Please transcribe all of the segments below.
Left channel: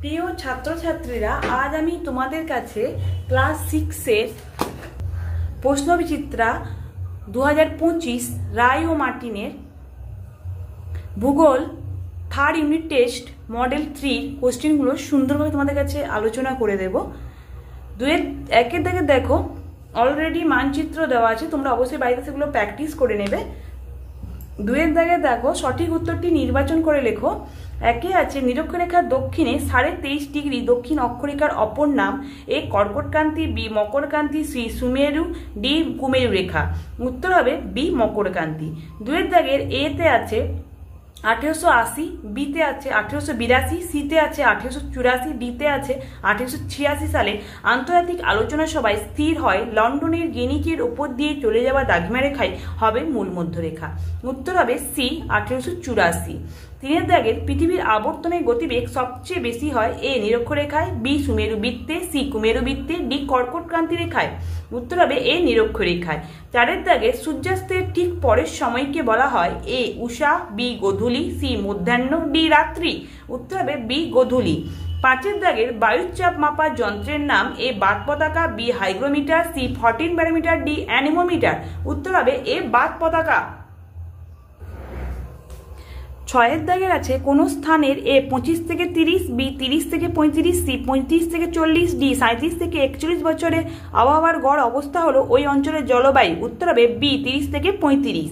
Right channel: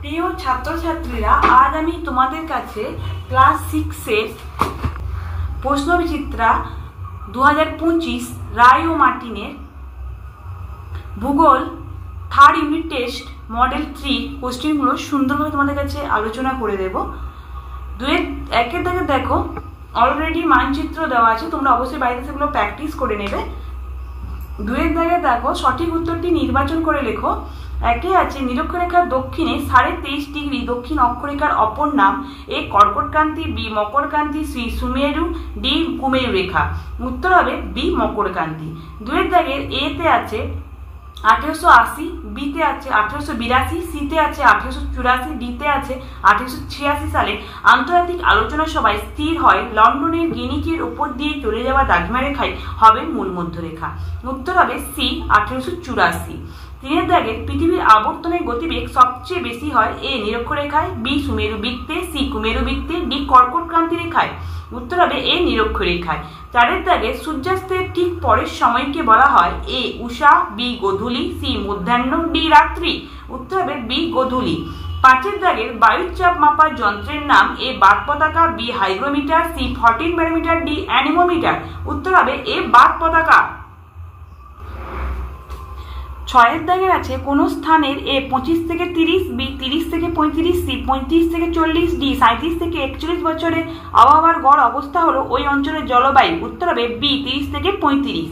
প্রিয় ছাত্রছাত্রীরা, আজ আমি তোমাদের কাছে ক্লাস 6-এর প্রশ্নবিচিত্রা 2025 রায় ও মার্টিনের ভূগোল থার্ড ইউনিট টেস্ট মডেল 3 কোশ্চেনগুলো সুন্দরভাবে তোমাদের কাছে আলোচনা করে দেব। একের দাগে দেখো, অলরেডি মানচিত্র দেওয়া আছে, তোমরা অবশ্যই বাড়িতে সেগুলো প্র্যাকটিস করে নেবে। দুয়ের দাগে দেখো, সঠিক উত্তরটি নির্বাচন করে লেখো। একে আছে নিরক্ষরেখার দক্ষিণে 23.5 ডিগ্রি দক্ষিণ অক্ষরেখার অপর নাম। এ কর্কটক্রান্তি, বি মকরক্রান্তি, সি সুমেরু, ডি কুমেরু রেখা। উত্তর হবে বি মকরক্রান্তি। দুয়ের দাগের এতে আছে 1880, বিতে আছে 1882, সিতে আছে 1884, ডিতে আছে 1886 সালে আন্তর্জাতিক আলোচনা সভায় স্থির হয় লন্ডনের গিনিকের উপর দিয়ে চলে যাওয়া দ্রাঘিমা রেখাই হবে মূল মধ্যরেখা। উত্তর হবে সি 1884। তিনের দাগের পৃথিবীর আবর্তনের গতিবেগ সবচেয়ে বেশি হয় এ নিরক্ষরেখায়, বি সুমেরু বৃত্তে, সি কুমেরু বৃত্তে, ডি কর্কটক্রান্তি রেখায়। উত্তর হবে এ নিরক্ষরেখায়। চারের দাগে সূর্যাস্তের ঠিক পরের সময়কে বলা হয় এ উষা, বি গোধূলি, সি মধ্যাহ্ন, ডি রাত্রি। উত্তর হবে বি গোধূলি। পাঁচের দাগের বায়ুর চাপ মাপার যন্ত্রের নাম এ বাত পতাকা, B hygrometer, C 14 barometer, D anemometer. উত্তর হবে এ বাত পতাকা। ছয়ের দাগের আছে কোন স্থানের এ 25 থেকে 30, বি 30 থেকে 35, সি 35 থেকে 40, ডি 37 থেকে 41 বছরের আবহাওয়ার গড় অবস্থা হলো ওই অঞ্চলের জলবায়ু। উত্তর হবে বি 30 থেকে 35।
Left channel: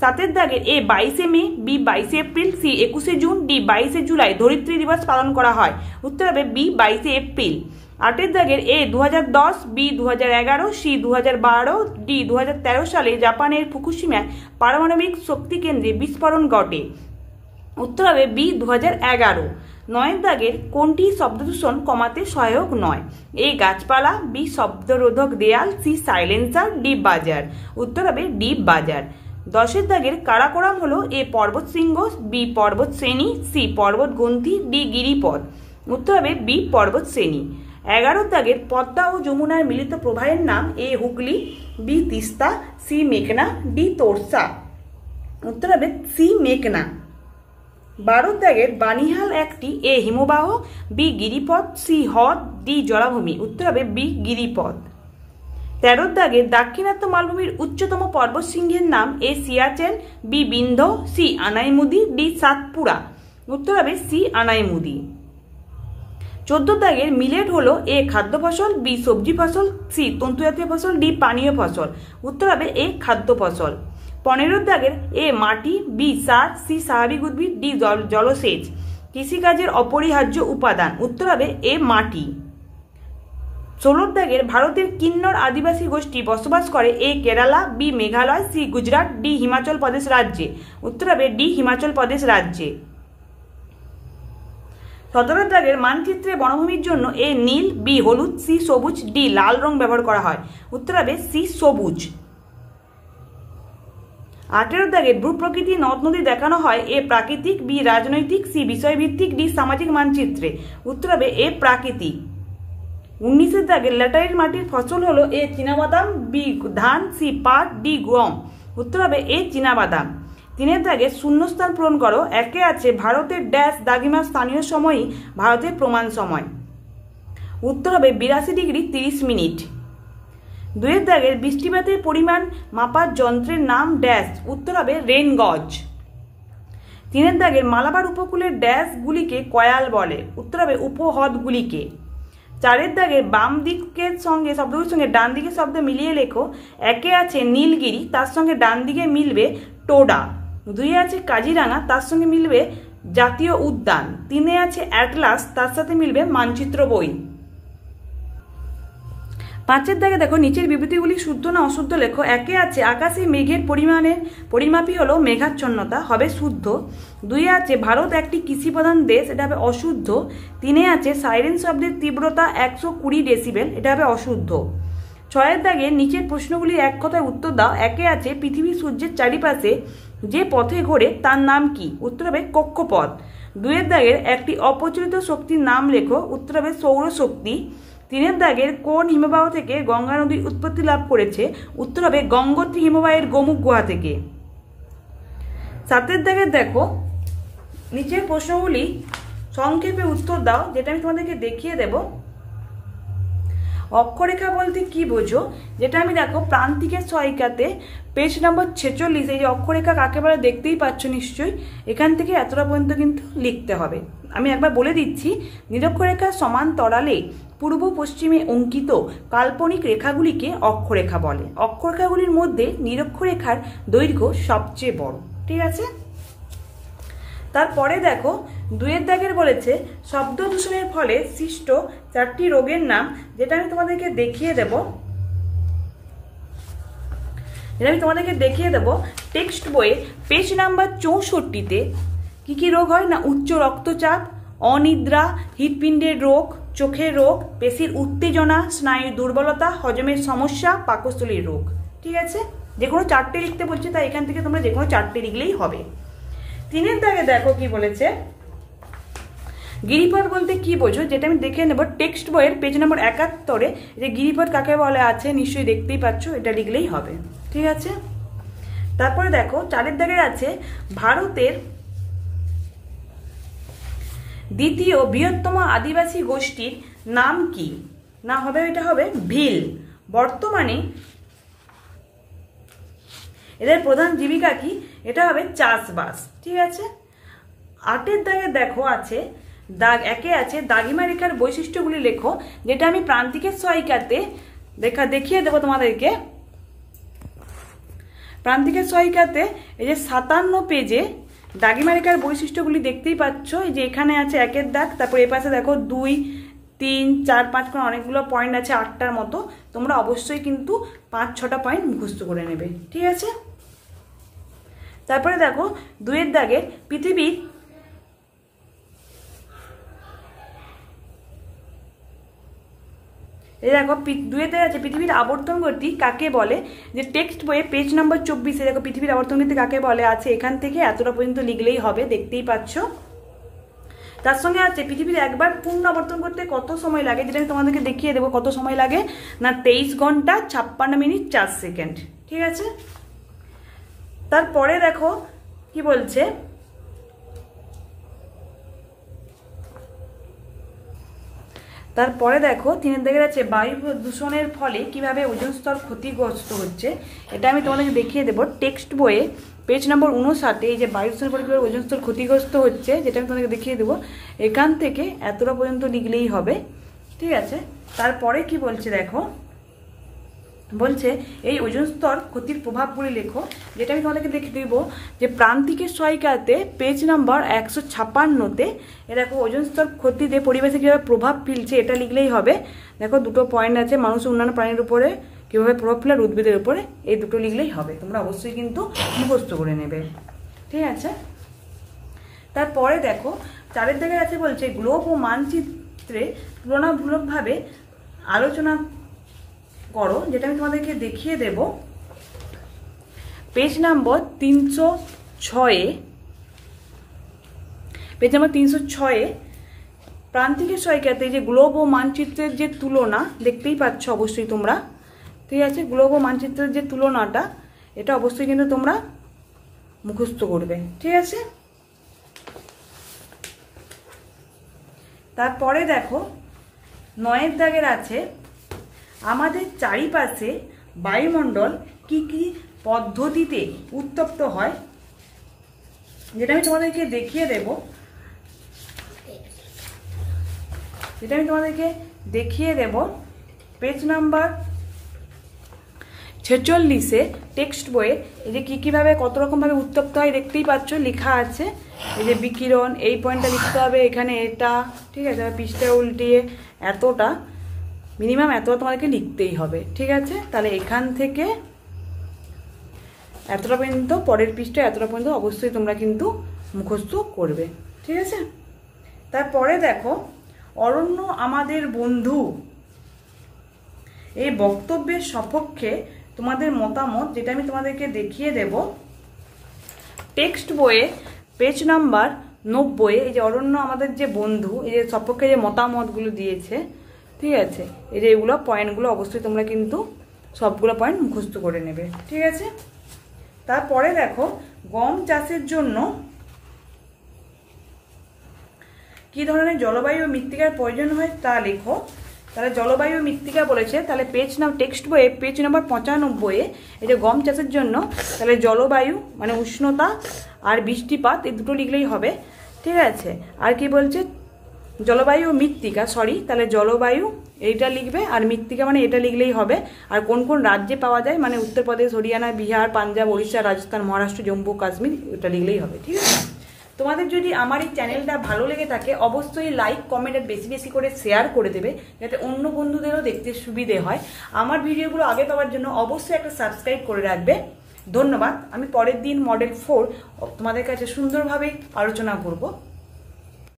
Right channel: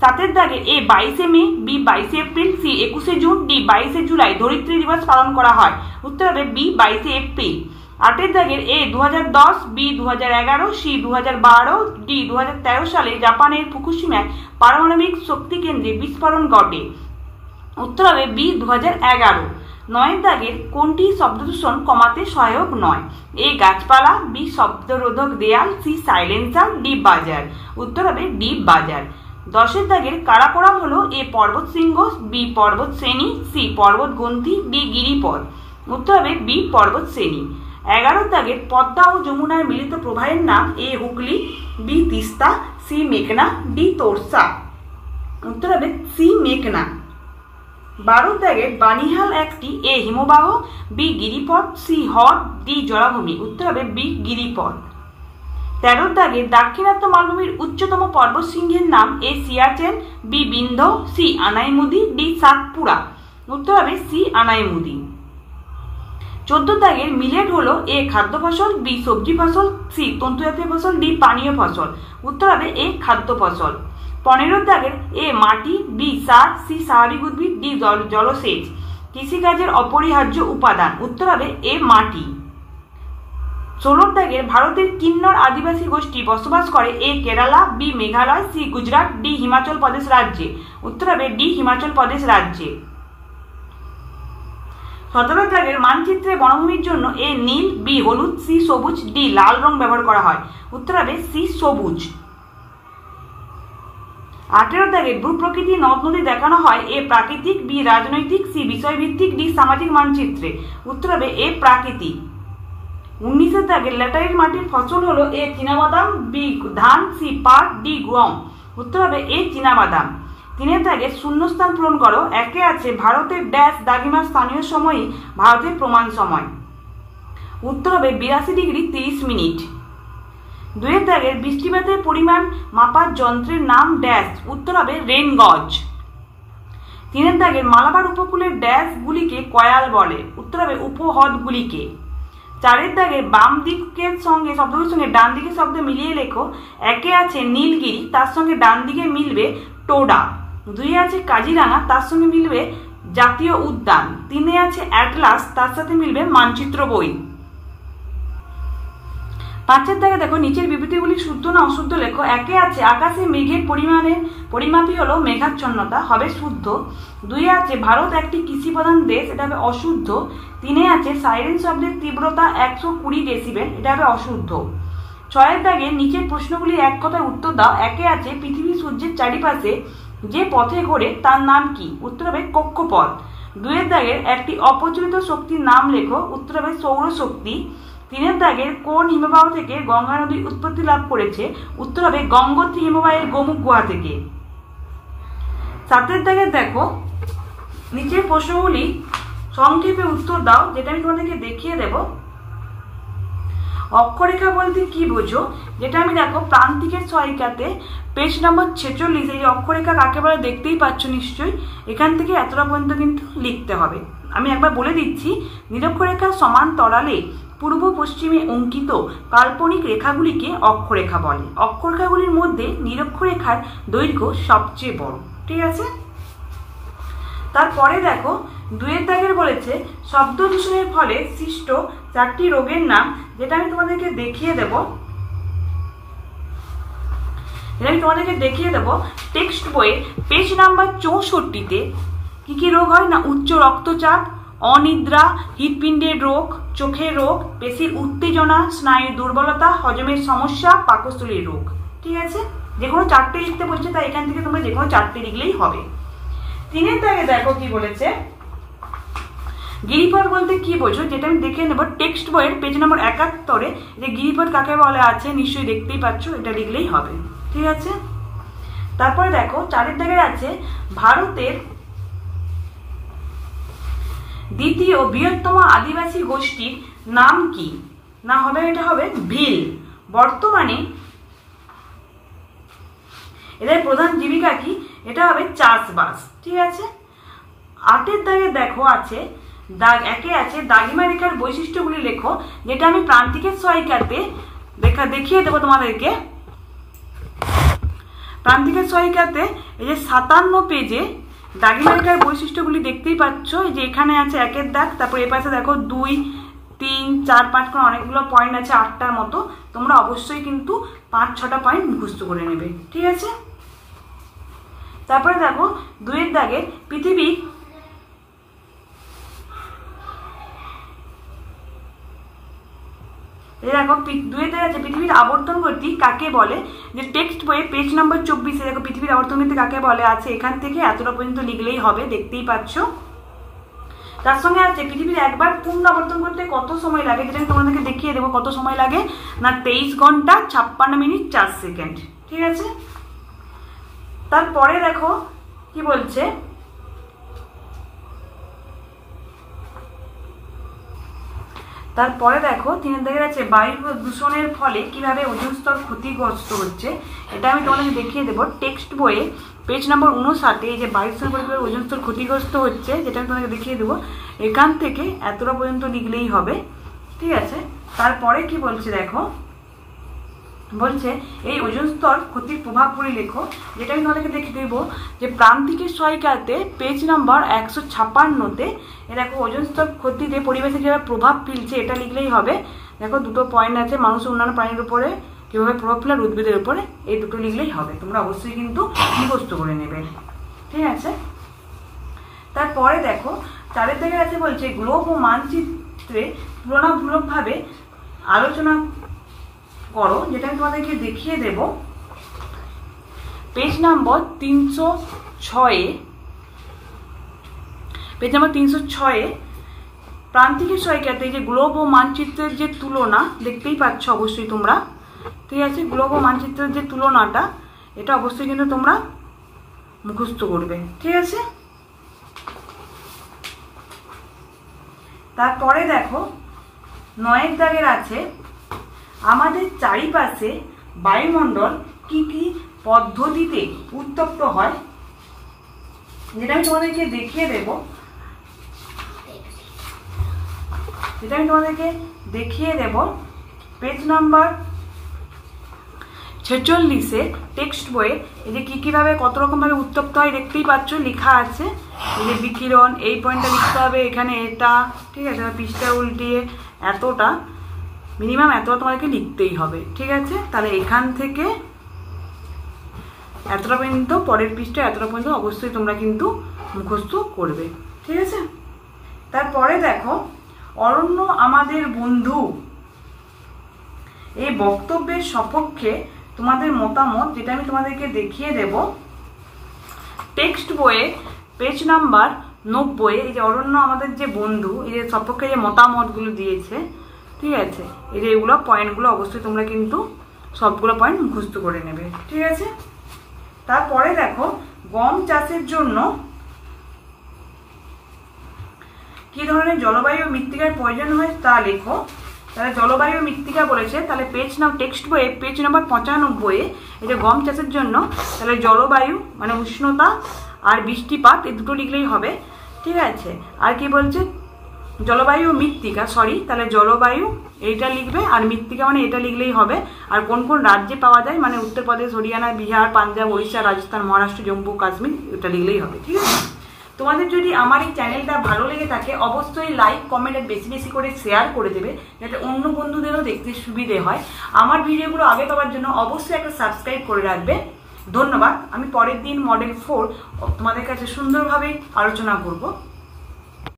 সাতের দাগে A 22 May, B 22 April, C 21 June, D 22 July ধরিত্রী দিবস পালন করা হয়। উত্তর হবে বি 22 এপ্রিল। আটের দাগের এ 2010, বি 2011, সি 2012, ডি 2013 সালে জাপানের ফুকুশিমায় পারমাণবিক শক্তি কেন্দ্রে বিস্ফোরণ ঘটে। উত্তর হবে বি 2011। নয়ের দাগের কোনটি শব্দদূষণ কমাতে সহায়ক নয়? এ গাছপালা, বি শব্দরোধক দেয়াল, সি সাইলেন্সার, ডি বাজার। উত্তর হবে ডি বাজার। দশের দাগের কারাকোরাম হলো এ পর্বত শৃঙ্গ, বি পর্বত শ্রেণী, সি পর্বত গ্রন্থি, ডি গিরিপথ। উত্তর হবে বি পর্বত শ্রেণী। 11 দাগের পদ্মা ও যমুনার মিলিত প্রবাহের নাম এ হুগলি, বি তিস্তা, সি মেঘনা, ডি তোরসা। উত্তর হবে সি মেঘনা। 12 দাগের বানিহাল একটি এ হিমবাহ, বি গিরিপথ, সি হ্রদ, ডি জলাভূমি। উত্তর হবে বি গিরিপথ। 13 দাগের দাক্ষিণাত্য মালভূমির উচ্চতম পর্বতশৃঙ্গের নাম A Siachen, B Vindhya, C Anaimudi, D Satpura. উত্তর হবে সি আনাইমুদি। 14 দাগের মিলেট হলো এ খাদ্য ফসল, বি সবজি ফসল, সি তন্তুজাতীয় ফসল, ডি পানীয় ফসল। উত্তর হবে এ খাদ্য ফসল। 15 দাগের এ মাটি, বি সার, সি স্বাভাবিক উদ্ভিদ, ডি জলসেচ। কৃষিকাজের অপরিহার্য উপাদান। উত্তর হবে এ মাটি। 16 দাগের ভারতের কিন্নর আদিবাসী গোষ্ঠী বসবাস করে A Kerala, B Meghalaya, C Gujarat, D Himachal Pradesh রাজ্যে। উত্তর হবে ডি হিমাচল প্রদেশ রাজ্যে। 17 দাগের মানচিত্রে বনভূমির জন্য এ নীল, বি হলুদ, সি সবুজ, ডি লাল রং ব্যবহার করা হয়। উত্তর হবে সি সবুজ। 18 দাগের ভূপ্রকৃতি নদ নদী দেখানো হয় এ প্রাকৃতিক, বি রাজনৈতিক, সি বিষয়ভিত্তিক, ডি সামাজিক মানচিত্রে। উত্তর হবে এ প্রাকৃতিক। 19 দাগের ল্যাটারাইট মাটির ফসল হলো এ চীনাবাদাম, বি ধান, সি পাট, ডি গম। উত্তর হবে এ চীনাবাদাম। 3 দাগের শূন্যস্থান পূরণ করো। একে আছে ভারতের ড্যাশ দ্রাঘিমার স্থানীয় সময়ই ভারতের প্রমাণ সময়। উত্তর হবে 82 ডিগ্রি 30 মিনিট। 2 দাগের বৃষ্টিপাতের পরিমাণ মাপার যন্ত্রের নাম ড্যাশ। উত্তর হবে রেন গজ। 3 দাগের মালাবার উপকূলের ড্যাশ গুলিকে কয়াল বলে। উত্তর হবে উপহ্রদগুলিকে। 4 দাগের বাম দিকের সঙ্গে শব্দগুলোর সঙ্গে ডান দিকের শব্দ মিলিয়ে লেখো। একে আছে নীলগিরি, তার সঙ্গে ডান দিকে মিলবে টোডা। 2 আছে কাজিরাঙা, তার সঙ্গে মিলবে জাতীয় উদ্যান। 3 আছে অ্যাটলাস, তার সাথে মিলবে মানচিত্র বই। 5 দাগে দেখো, নিচের বিবৃতিগুলি শুদ্ধ না অশুদ্ধ লেখো। একে আছে আকাশে মেঘের পরিমাপই হলো মেঘাচ্ছন্নতা, হবে শুদ্ধ। 2 আছে ভারত একটি কৃষি প্রধান দেশ, এটা হবে অশুদ্ধ। 3 আছে সাইরেন শব্দের তীব্রতা 120 ডেসিবেল, এটা হবে অশুদ্ধ। 6 দাগে নিচের প্রশ্নগুলি এক কথায় উত্তর দাও। একে আছে পৃথিবী সূর্যের চারিপাশে যে পথে ঘোরে তার নাম কি? উত্তর হবে কক্ষপথ। 2 দাগের একটি অপ্রচলিত শক্তির নাম লেখো। উত্তর হবে সৌরশক্তি। 3 দাগের কোন হিমবাহ থেকে গঙ্গা নদীর উৎপত্তি লাভ করেছে? উত্তর হবে গঙ্গোত্রী হিমবাহের গোমুখ গুহা থেকে। 7 দাগের দেখো, নিচের প্রশ্নগুলি সংক্ষেপে উত্তর দাও, যেটা আমি তোমাদেরকে দেখিয়ে দেব। অক্ষরেখা বলতে কি বোঝো, যেটা আমি দেখো প্রান্তিকের সহায়িকাতে পেজ নম্বর 46, এই যে অক্ষরেখা কাকে বলে দেখতেই পাচ্ছ নিশ্চয়ই, এখান থেকে এতটা পর্যন্ত কিন্তু লিখতে হবে। আমি একবার বলে দিচ্ছি, নিরক্ষরেখার সমান্তরালে পূর্ব পশ্চিমে অঙ্কিত কাল্পনিক রেখাগুলিকে অক্ষরেখা বলে। অক্ষরেখাগুলির মধ্যে নিরক্ষরেখার দৈর্ঘ্য সবচেয়ে বড়। ঠিক আছে, তারপরে দেখো 2 দাগের বলেছে শব্দ দূষণের ফলে সৃষ্ট 4টি রোগের নাম, যেটা আমি তোমাদেরকে দেখিয়ে দেব। টেক্সট বইয়ে পেজ নাম্বার 64-তে কি কি রোগ হয় না, উচ্চ রক্তচাপ, অনিদ্রা, হৃৎপিণ্ডের রোগ, চোখের রোগ, পেশির উত্তেজনা, স্নায়ুর দুর্বলতা, হজমের সমস্যা, পাকস্থলীর রোগ। ঠিক আছে, যে কোনো 4টে লিখতে বলছে, তাই এখান থেকে তোমরা যে কোনো 4টে লিখলেই হবে। 3 দাগে দেখো কি বলেছে, গিরিপথ বলতে কি বোঝো, যেটা আমি দেখে নেব টেক্সট বইয়ের পেজ নম্বর 71-এ। যে গিরিপথ কাকে বলে আছে নিশ্চয়ই দেখতেই পাচ্ছ, এটা লিখলেই হবে। ঠিক আছে, তারপরে দেখো 4 দাগে আছে ভারতের দ্বিতীয় বৃহত্তম আদিবাসী গোষ্ঠীর নাম কি, না হবে এটা হবে ভিল। বর্তমানে এদের প্রধান জীবিকা কি, এটা হবে চাষবাস। ঠিক আছে, 8 দাগে দেখো আছে দাগ 1-এ আছে দাগিমা রেখার বৈশিষ্ট্যগুলি লেখো, যেটা আমি প্রান্তিকের সহায়িকাতে দেখিয়ে দেবো তোমাদেরকে। প্রান্তিকের সহায়িকাতে এই যে 57 পেজে দাগিমা রেখার বৈশিষ্ট্যগুলি দেখতেই পাচ্ছ। এই যে এখানে আছে 1-এর দাগ, তারপর এ পাশে দেখো 2, 3, 4, 5 করে অনেকগুলো পয়েন্ট আছে, 8টার মতো। তোমরা অবশ্যই কিন্তু 5-6টা পয়েন্ট মুখস্থ করে নেবে। ঠিক আছে, তারপরে দেখো 2-এর দাগে পৃথিবীর দেখো 2-এর দাগে আছে পৃথিবীর আবর্তন গতি কাকে বলে। যে টেক্সট বইয়ে পেজ নম্বর 24-এ দেখো পৃথিবীর আবর্তন গতি কাকে বলে আছে, এখান থেকে এতটা পর্যন্ত লিখলেই হবে, দেখতেই পাচ্ছ। তার সঙ্গে আছে পৃথিবীর একবার পূর্ণ আবর্তন করতে কত সময় লাগে, যেটা আমি তোমাদেরকে দেখিয়ে দেবো কত সময় লাগে না, 23 ঘন্টা 56 মিনিট 4 সেকেন্ড। ঠিক আছে, তারপরে দেখো কি বলছে, তারপরে দেখো 3 দাগে আছে বায়ু দূষণের ফলে কিভাবে ওজোন স্তর ক্ষতিগ্রস্ত হচ্ছে, এটা আমি তোমাদেরকে দেখিয়ে দেবো টেক্সট বইয়ে পেজ নম্বর 59-এ। এই যে বায়ু দূষণের ফলে কিভাবে ওজোন স্তর ক্ষতিগ্রস্ত হচ্ছে, যেটা আমি তোমাদেরকে দেখিয়ে দেবো, এখান থেকে এতটা পর্যন্ত লিখলেই হবে। ঠিক আছে, তারপরে কি বলছে দেখো, বলছে এই ওজোন স্তর ক্ষতির প্রভাবগুলি লেখো, যেটা আমি তোমাদেরকে দেখিয়ে দেবো যে প্রান্তিকের সহায়িকাতে পেজ নাম্বার 156-তে দেখো ওজোন স্তর ক্ষতিতে পরিবেশে কীভাবে প্রভাব ফেলছে, এটা লিখলেই হবে। দেখো 2টো পয়েন্ট আছে, মানুষের অন্যান্য প্রাণীর উপরে কীভাবে প্রভাব ফেলে আর উদ্ভিদের উপরে, এই 2টো লিখলেই হবে। তোমরা অবশ্যই কিন্তু মুখস্থ করে নেবে। ঠিক আছে, তারপরে দেখো 4 দাগে আছে বলছে গ্লোব ও মানচিত্রে তুলনামূলকভাবে আলোচনা করো, যেটা আমি তোমাদেরকে দেখিয়ে দেব পেজ নম্বর 306-এ। পেজ নম্বর 306-এ প্রান্তিকের সহায়িকাতে যে গ্লোব ও মানচিত্রের যে তুলনা দেখতেই পাচ্ছ অবশ্যই তোমরা। ঠিক আছে, গ্লোব ও মানচিত্রের যে তুলনাটা, এটা অবশ্যই কিন্তু তোমরা মুখস্থ করবে। ঠিক আছে, তারপরে দেখো 9 দাগের আছে আমাদের চারিপাশে বায়ুমণ্ডল কি কি পদ্ধতিতে উত্তপ্ত হয়, যেটা আমি তোমাদেরকে দেখিয়ে দেব। পেজ নাম্বার 46-এ টেক্সট বইয়ে এই যে কীভাবে কত রকমভাবে উত্তপ্ত হয় দেখতেই পাচ্ছ, লেখা আছে। এই যে বিকিরণ, এই পয়েন্টটা লিখতে হবে, এখানে এটা। ঠিক আছে, পৃষ্ঠা উল্টিয়ে এতটা মিনিমাম এতটা তোমাদেরকে লিখতেই হবে। ঠিক আছে, তাহলে এখান থেকে এতটা পর্যন্ত, পরের পৃষ্ঠা এতটা পর্যন্ত অবশ্যই তোমরা কিন্তু মুখস্থ করবে। ঠিক আছে, তারপরে দেখো অরণ্য আমাদের বন্ধু, এই বক্তব্যের সপক্ষে তোমাদের মতামত, যেটা আমি তোমাদেরকে দেখিয়ে দেব টেক্সট বইয়ে পেজ নাম্বার 90-এ। এই যে অরণ্য আমাদের যে বন্ধু, এই যে সপক্ষে যে মতামতগুলো দিয়েছে, ঠিক আছে, এই যে এগুলো পয়েন্টগুলো অবশ্যই তোমরা কিন্তু সবগুলো পয়েন্ট মুখস্থ করে নেবে। ঠিক আছে, তারপরে দেখো গম চাষের জন্য কী ধরনের জলবায়ু ও মৃত্তিকার প্রয়োজন হয় তা লেখো। তাহলে জলবায়ু মৃত্তিকা বলেছে, তাহলে টেক্সট বইয়ে পেজ নম্বর 95-এ এটা গম চাষের জন্য তাহলে জলবায়ু মানে উষ্ণতা আর বৃষ্টিপাত এই দুটো লিখলেই হবে, ঠিক আছে। আর কি বলছে জলবায়ু ও মৃত্তিকা, তাহলে জলবায়ু এইটা লিখবে আর মৃত্তিকা মানে এটা লিখলেই হবে। আর কোন কোন রাজ্যে পাওয়া যায় মানে উত্তরপ্রদেশ, হরিয়ানা, বিহার, পাঞ্জাব, উড়িষ্যা, রাজস্থান, মহারাষ্ট্র, জম্মু কাশ্মীর এটা লিখলেই হবে, ঠিক আছে। তোমাদের যদি আমার এই চ্যানেলটা ভালো লেগে থাকে অবশ্যই লাইক কমেন্ট আর বেশি বেশি করে শেয়ার করে দেবে, যাতে অন্য বন্ধুদেরও দেখতে সুবিধে হয়। আমার ভিডিওগুলো আগে পাওয়ার জন্য অবশ্যই একটা সাবস্ক্রাইব করে রাখবে। ধন্যবাদ। আমি পরের দিন মডেল 4 তোমাদের কাছে সুন্দরভাবে আলোচনা করব।